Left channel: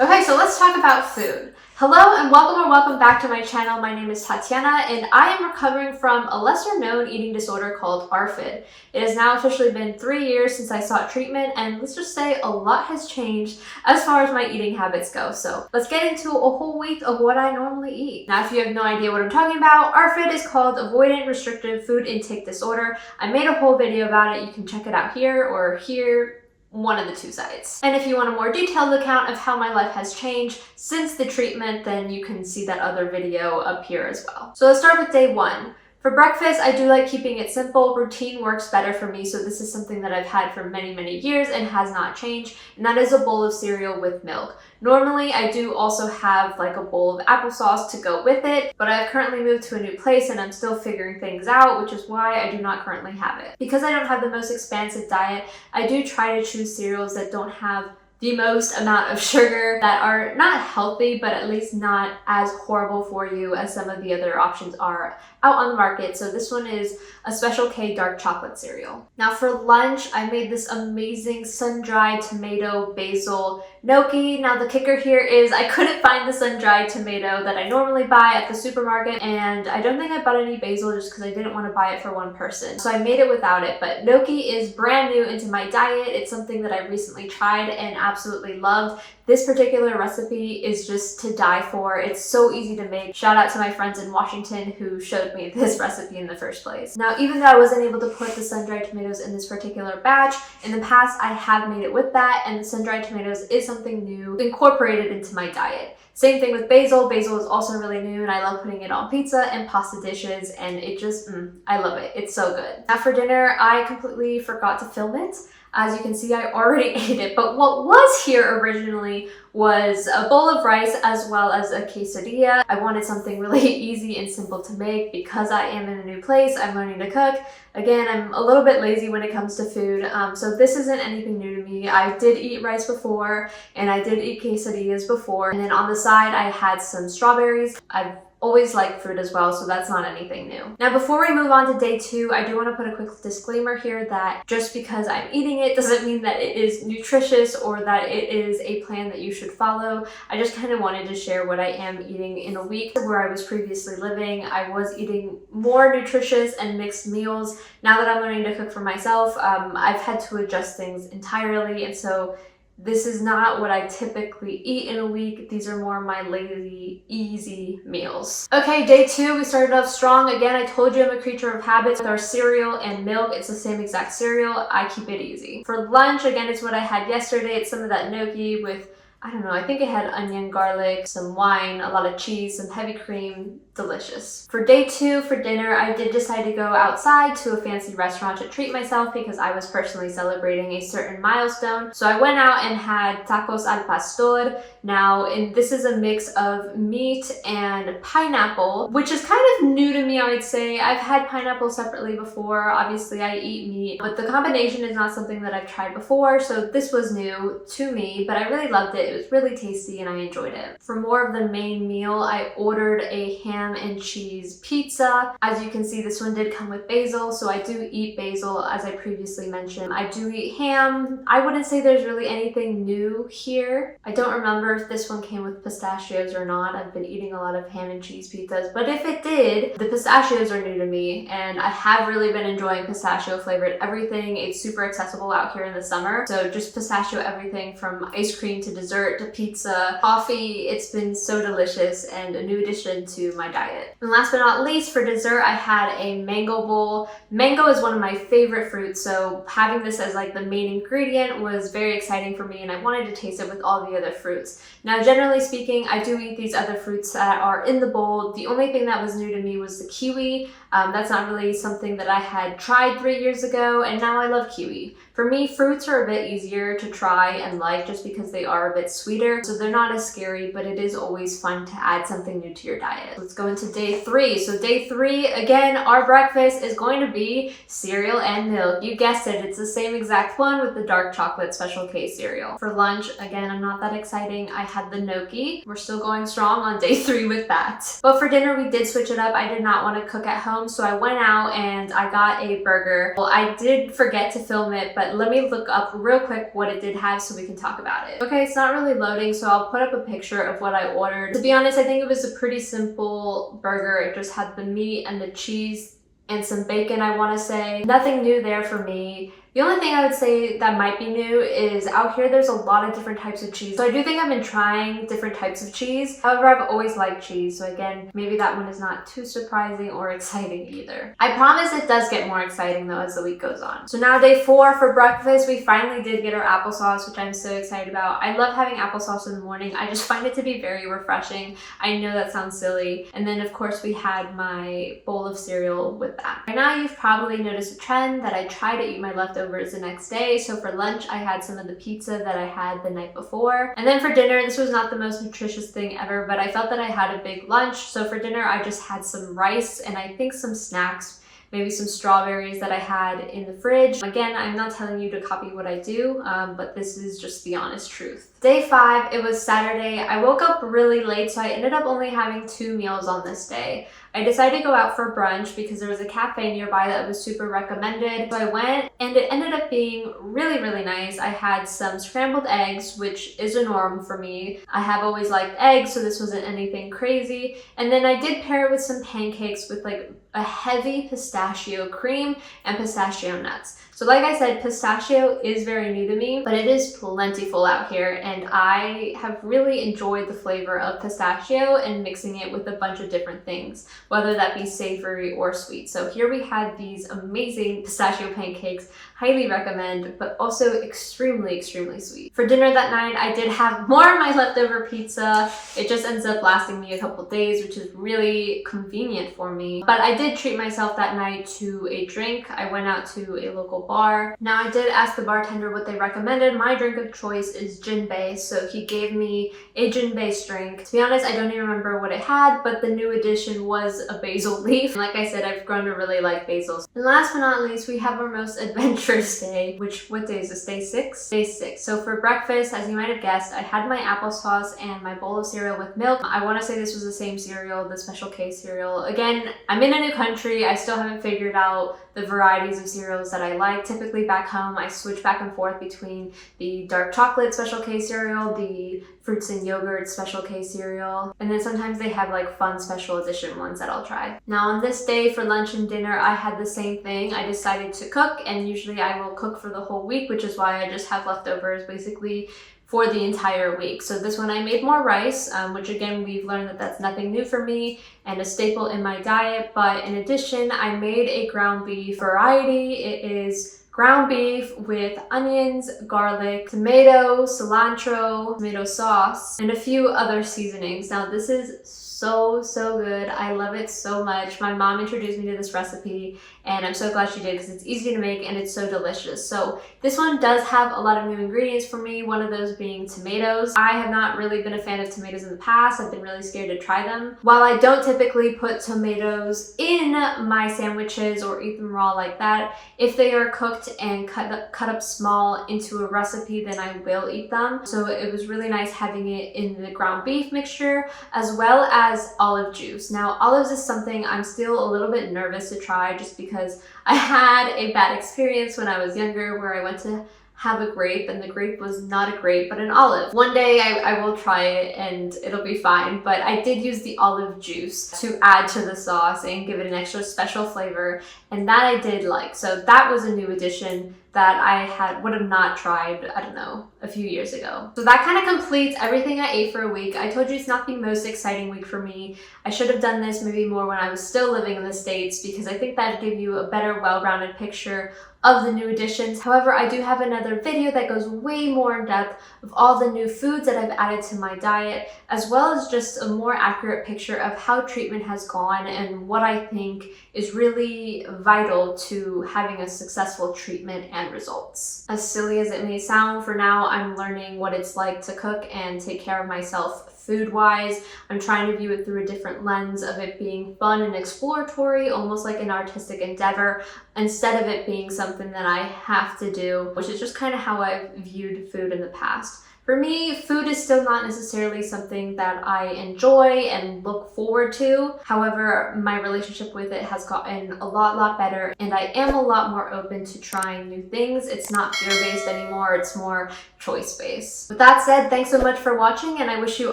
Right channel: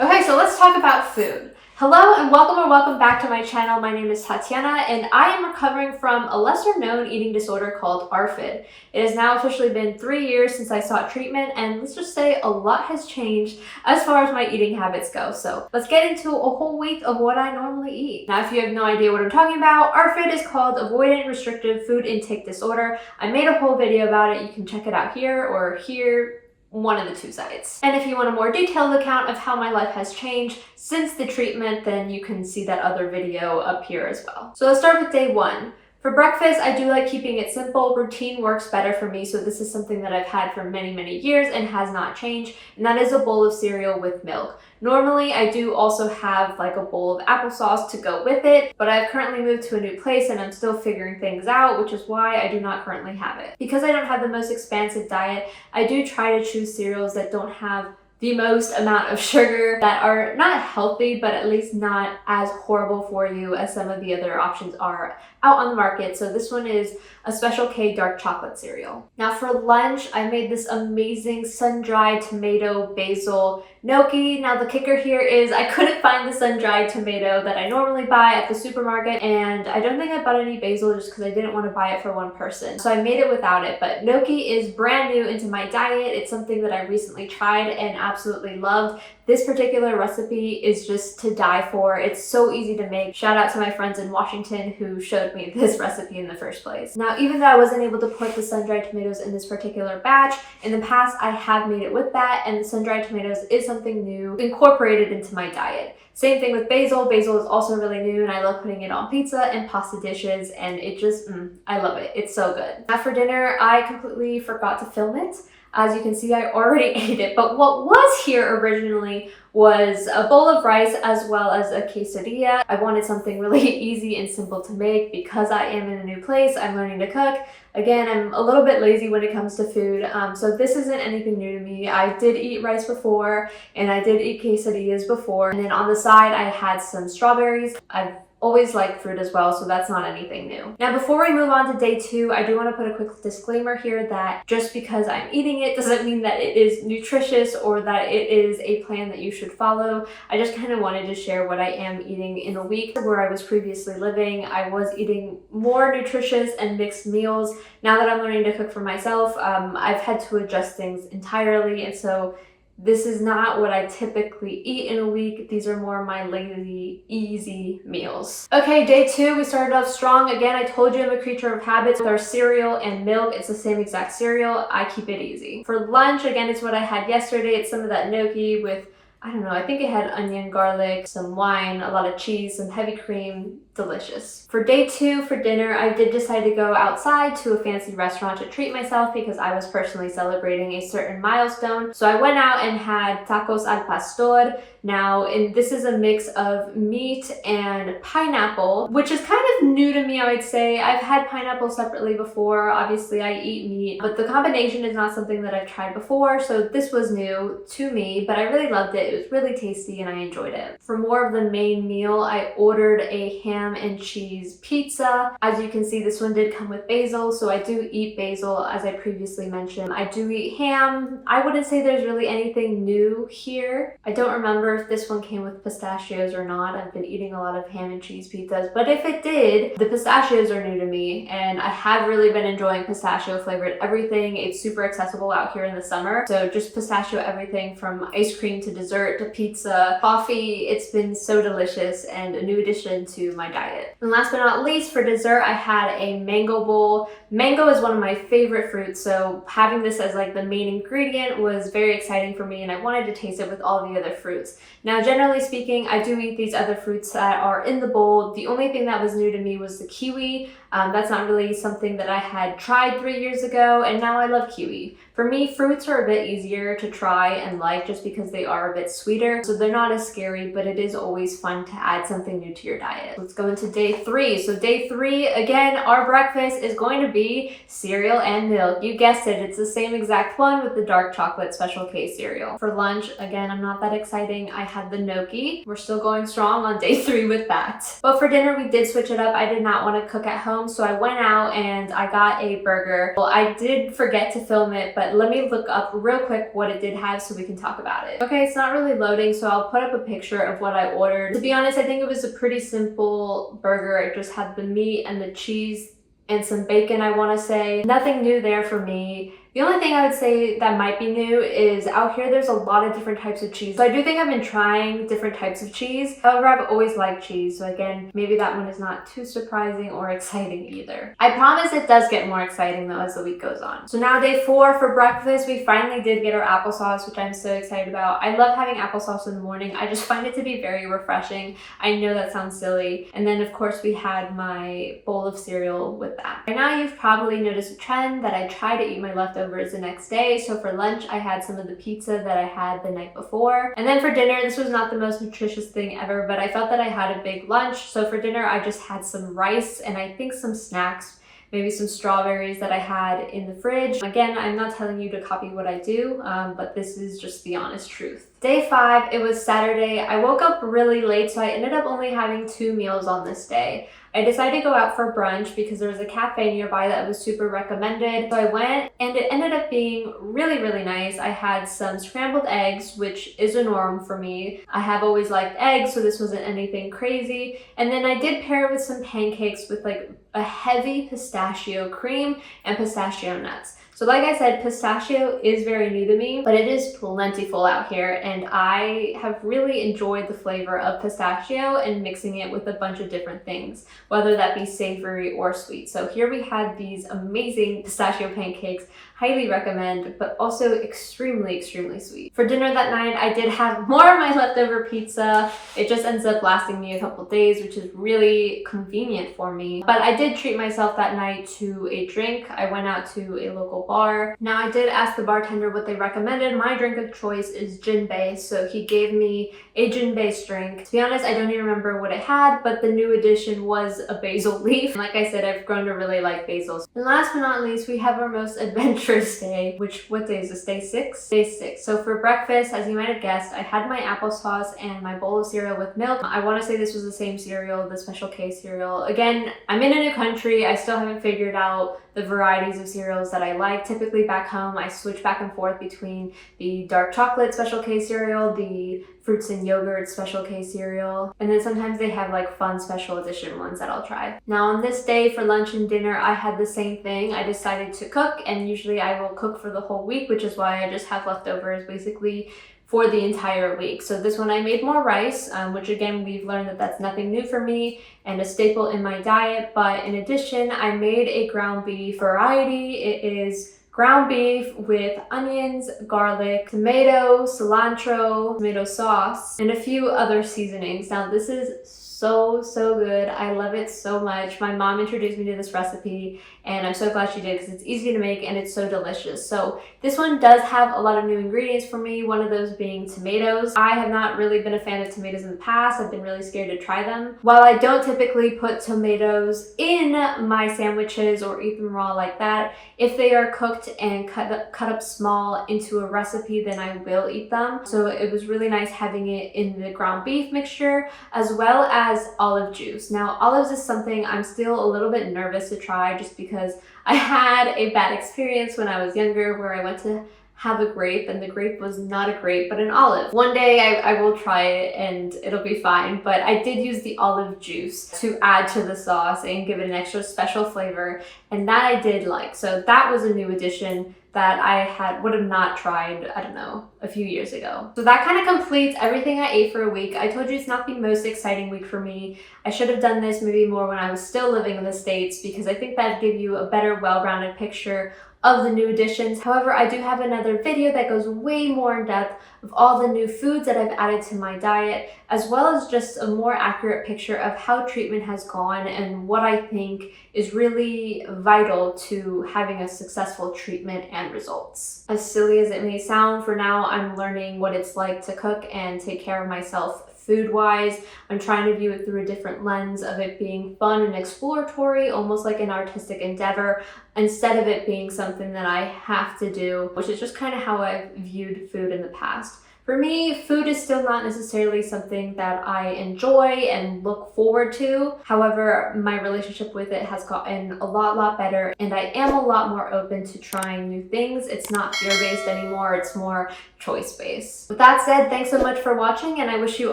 Okay, so let's talk about food. Hello and welcome back to my channel. My name is Tatiana and I am recovering from a lesser known eating disorder called ARFID. It has now officially been 3 years since I sought treatment, and let's just say a lot has changed as far as my eating habits go. So let's get into a whole week of what I normally eat. Now, if you have no idea what I'm talking about, ARFID is called Avoidant Restrictive Food Intake Disorder. I made a whole video about it. You can check it out here or here. One of the two sites. And if you want a more detailed account of how my life has changed since the treatment, then you can see that other video up here as well. So let's start with day 1. For breakfast, I do like keeping it simple. Routine works better for me, so this is something that I've had for many years and has not changed, and that is a bowl of cereal with milk. Normally, I do also have like a bowl of applesauce to go with it, but I've currently moved to a new place and I'm still figuring things out, which is why I do not currently have it. Because I don't have the most expansive diet, I do try to choose cereals that don't have the most amount of sugar, that are not healthy, but at least not as horrible for you as some of the other options are out on the market. So this one is a Special K dark chocolate cereal. Now for lunch, I made this amazing sun-dried tomato basil gnocchi. Now the kicker here is I couldn't find the sun-dried tomato that I normally buy at the supermarket, and I don't think I bought any basil just because I didn't want to buy it for one person. So I made it without it, but gnocchi is brand new into my diet. It's something that I recently tried and absolutely loved. This particular recipe is just to die for. It's so easy to make. Shout out to my friends in Washington who showed me this recipe in the first place. Now, even though I wasn't able to put the sun-dried tomatoes in this particular batch, in the past I have made it with that, and the sun-dried tomatoes is something new incorporated into my diet. Same thing with basil. Basil is also really new and I love putting it on pizza and pasta dishes, and it just, I love it. It's so good. Now for dinner, I completely forgot to film it. As you can see, I already ate it, but what was here originally was a bowl of rice as well as a quesadilla. I wanted something really easy and simple to make because I am in a new place. I'm learning to cook. Again, I'm a little bit lazy when it comes to food, so this isn't anything new to me. I did eat rice before, and I did eat quesadillas before, and then on the side I had some strawberries. I've always liked fruit as well, so that's not anything new. Now, before we move on to day 2, I do want to put a quick disclaimer here that just because I'm eating it doesn't mean that it is nutritious or that it is a plan that you should follow. I just kind of wanted to share what I am eating in a week. Where I was previously living, I was eating more nutritious and mixed meals. Now that I'm learning to cook for myself, I've had to adjust things entirely, and so this is not what I typically eat in a week. These are more my lazy, easy meals. Okay, day 2, we started off strong. Again, I told you I'm a creature of habits. With our cereal and milk, it's the same exact cereal. I keep it easy. For lunch, again, it's what I had yesterday. It's some of that gnocchi with, I don't know, I think it had onion, garlic, some wine, a lot of cheese, some heavy cream. Delicious. For day 2, for dinner, I did decide to go outside to a fancy restaurant to treat myself because I was personally celebrating a certain milestone. So I went out and had tacos al pastor. Now, this is a mix of meat and pineapple, which is kind of new to me, I would say. I've had pineapple separately before. Obviously, I eat meat, but the combination is not something that I've tried before, so this was new to me, but I really loved it. It was really tasty and I enjoyed it. For more of the main meal, I ordered a ham and cheese pizza. As you can see, this one did come with basil, so I do eat basil, as I previously mentioned. I do eat ham. I wouldn't say there's really anything new here. I don't remember if this one came with pistachios or not. I've been eating a lot of ham and cheese pizzas, but if it did, the pistachios are new to me, and I have really been enjoying pistachio flavored everything. It's super accessible out here in the summer, so just pistachio everything from ice cream to dessert to pizza, coffee. It's been so delicious and a new addition to my diet. And last but not least, for dessert, I had a mango bowl. Mango is one of my favorite fruits, so having this as like the main ingredient was very exciting for me, and I wanted to taste it with all the other fruits. Now, generally speaking, I do eat these other fruits that are in the bowl. The only thing that was new to me was the kiwi. That's not really something that I had tried 3 years ago, and now I love kiwi. For me, fruits are a bit easier to try and like just because they are a bit sweeter, so they're not as scary, but it is always fun to add something new to your diet. Let's go into day 3. So day 3, again, our breakfast is going to be cereal and milk. You guessed it, it's the same exact one with the dark chocolate Special K cereal. For lunch, again, I'm not that exciting. I had the gnocchi. We're still going strong on day 3 with that. But for dinner, we did switch it up. I did not want to cook at home. home, so I went out and I got a burger. Well, I did forget to film it, but let me look up real quick what it did have so we can talk about it. Okay, it's not really loading, so I'll put up a picture of what I ordered. To be honest, I think it was a pretty simple burger. It just had the meat and the cheese and some bacon, I want to say. Nothing new there for me. The only thing I would say that might be new is out here there's a lot of different types of cheese. So I do think I've been trying different types of cheese. However, I've always liked cheese. So again, maybe that one is not too surprising or exciting either. I promise it does get more exciting though as the week goes on. So now day 4 for breakfast, we finally did get our applesauce, which I'm so excited about. I love having applesauce in the morning. I just find it to be very refreshing. I know that sounds silly. And then of course we had my bowl of cereal with that. By now you've probably noticed a trend that I try to eat my leftovers the next day. So for lunch, I had some of the pizza that I had the night before. And then for dinner, this was not the most nutritious thing ever, but I felt that I had a big lunch. So for dinner, I just had some rice and I think some snacks, maybe some strawberries that I had in the fridge. Again, I'm not telling you to copy what I do, but this is just the honest truth. Day 5, it was Saturday. I woke up really late, so I ended up only having 2 meals on this day. I decided to go out for brunch because there was a cafe nearby that was super recommended. So I went and it ended up being really, really nice. I had some scrambled eggs, which is a norm for me. I have always liked eggs, so this wasn't anything crazy. And then I did pair it with some pancakes with like a heavy pistachio cream and pistachio nuts. So like I said, pistachio is very new to me, but it is plentiful out here and I have really enjoyed the flavor of pistachio and mixing it with a bunch of different things, whether that be savory or sweet. So here we had these amazing pistachio pancakes, highly recommend, but also extremely, extremely sweet. For dinner that night, I did have more of my leftover pizza. It just ends up lasting me a couple days, which is really convenient for me. But I did treat myself that night to a drink. I went out to a local bar. Now I did ask the bartender what they recommended. My drink of choice is gin-based, so he gave me a gin-based drink. To be honest, I don't even remember what it had, but the new addition was a basil leaf. Like I said, I've grown to really like basils. And last but not least, we have our most adventurous day, what day is this? Day 6? Day 6. So for breakfast, as you might have guessed, I had my applesauce and my bowl of cereal with milk. I want to say this was the same cereal, the Special K cereal. Again, I'm in a new country. I still haven't figured out the varieties of cereals that I like. Typically back home, I switch back and forth between the dark chocolate Special K cereal, the fruits and yogurt Special K cereal, and then sometimes they have like fun special edition ones that I'll try. Now on this day for lunch and dinner, I had the same thing. I decided to cook, and usually I will cook for the whole week, which is why I just have leftovers basically for the entire week. So this one I made more rice, which again, we've learned that that's nothing new for me and a staple in my diet. But in addition, I made a ground beef variety. It is ground beef with onions, garlic, tomato, cilantro, tomato sauce, and a few other seasonings. Now this is so good. I love it so much. My mom introduced me to this recipe and I'm so glad she did because it's easy to make and it's so delicious. So this one does have a lot of new ingredients for me, one of those being tomatoes. I have not really been a fan of tomatoes in the past. I've been really scared to try them. While I don't typically put tomatoes in my sandwiches or eat them raw like that, if they are cooked and cut up small into a recipe, then I will eat them. So it was really nice having it in the ground beef mixture as well as olive juice. Now olives is something I'm still a little bit nervous to try just because I had a bad experience when I was younger where I went to have a grape and the grape was not a grape but an olive. One day I will try it and it'll be fine, but I did use the olive juice to add to the sauce and give it an extra special flavor, and that I did like. So that was a new addition that I would have not tried, I don't know, a few years ago. So that kind of completes everything I ate for a week. I told you it's not the most exciting week for me. I should have done this maybe more when I was still living in the States because I think that'd give you a better, well-rounded picture of the new additions. However, I do have another video that goes way more in depth of all the new foods that I've added to my diet, as well as just a more accurate picture of how treatment has gone and what I think is really vital to having a successful treatment and results. As silly as it may sound, for now I'm learning what it's like to cook and take care of myself food-wise. I'm trying to view it through a different lens of it being fun and exploratory, almost like an artistic endeavor, instead of it being something that I have to do, which is just kind of how I've viewed food in the past. For me, food is still not necessarily something that I enjoy and look forward to. However, my relationship with it has gotten a lot better, and I am a lot more open to trying new things. It's not fear-based anymore, it's more choice-based. With that said, thanks so much for watching, and I wish you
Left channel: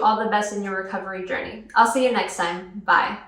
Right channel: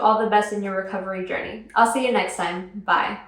all the best in your recovery journey. I'll see you next time. Bye.